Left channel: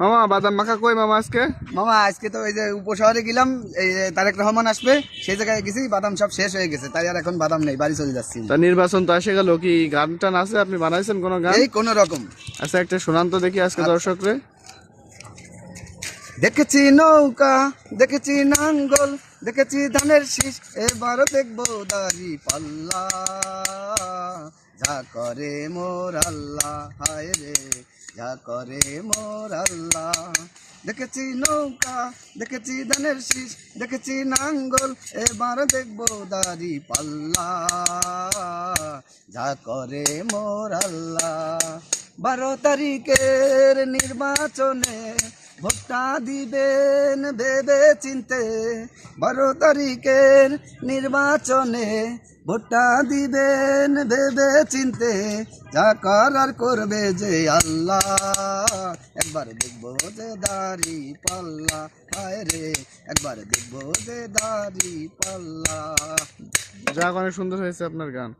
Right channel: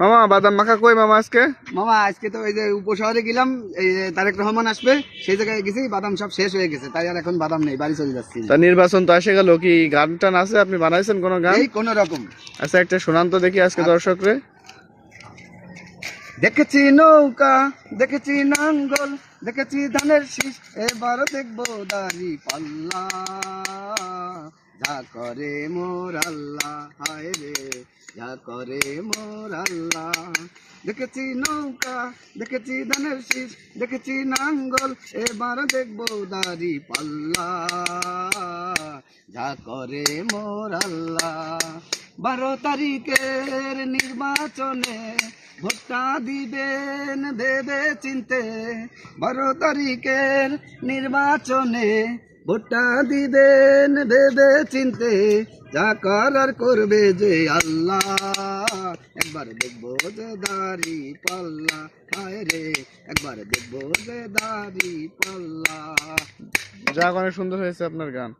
মামা বাদাম মাখা কই মামা আজকে? মামা আজকে তো এই যে উপশহরে গেলাম, এই যে তারেক রহমান আসবে, সেই জায়গায় গেছি, বাদাম সব শেষ হয়ে গেছে, তাই আর এখন বাদাম নেই, বাড়ি চলে যাচ্ছি। তা নির্বাচন তো এসে গেল, কি গান টান আছে? আপনি বানাইছেন কোনো গান? এই কোন রকম। আচ্ছা একটা শোনান তো দেখি আজকে দর্শকরে। দেখেছি নৌকা, দেখেছি নাঙ্গল, দেখেছি ধানের শীষ, এবার দেখবো দাড়ি পাল্লা, যা করে মোর আল্লাহ, হায় রে যা করে মোর আল্লাহ। দেখেছি নৌকা, দেখেছি ধানের শীষ, দেখেছি নাঙ্গল, এবার দেখবো দাড়ি পাল্লা, যা করে মোর আল্লাহ। 12 তারিখের নির্বাচনে ভোটটা দিবেন ভেবে চিনতে, 12 তারিখের নির্বাচনে ভোটটা দিবেন ভেবে চিনতে, যা করার করবে যে আল্লাহ, একবার দেখবো যে দাড়ি পাল্লা, হায় রে একবার দেখবো যে দাড়ি পাল্লা। যাক, অনেক সুন্দর হয়েছে আপনার গান।